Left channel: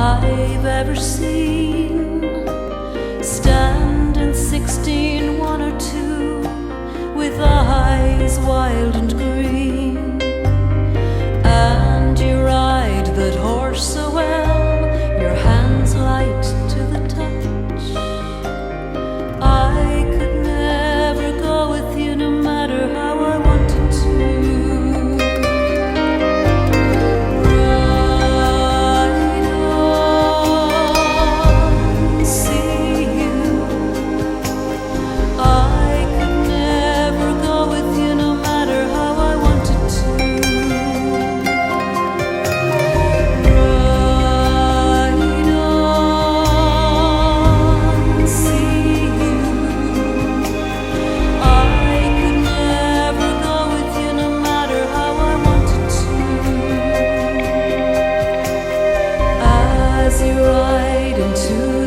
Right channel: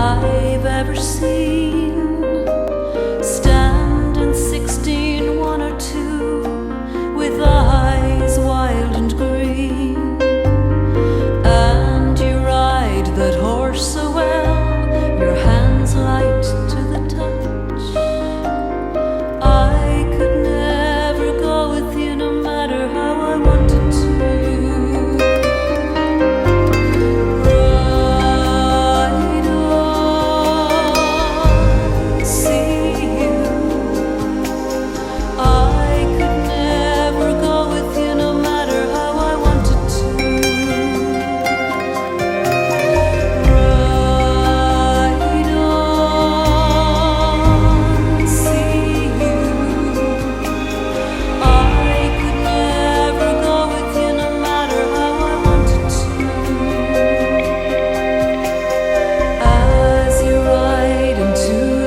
I've ever seen. Stand in 16, 1 or 2, with eyes wild and green. And you ride that horse so well, your hands light to the touch. I could never go with you, no matter how I wanted to. Ride on, see you. I could never go with you, no matter how I wanted to. Ride on, see you. I could never go with you, no matter how I wanted to. As you ride into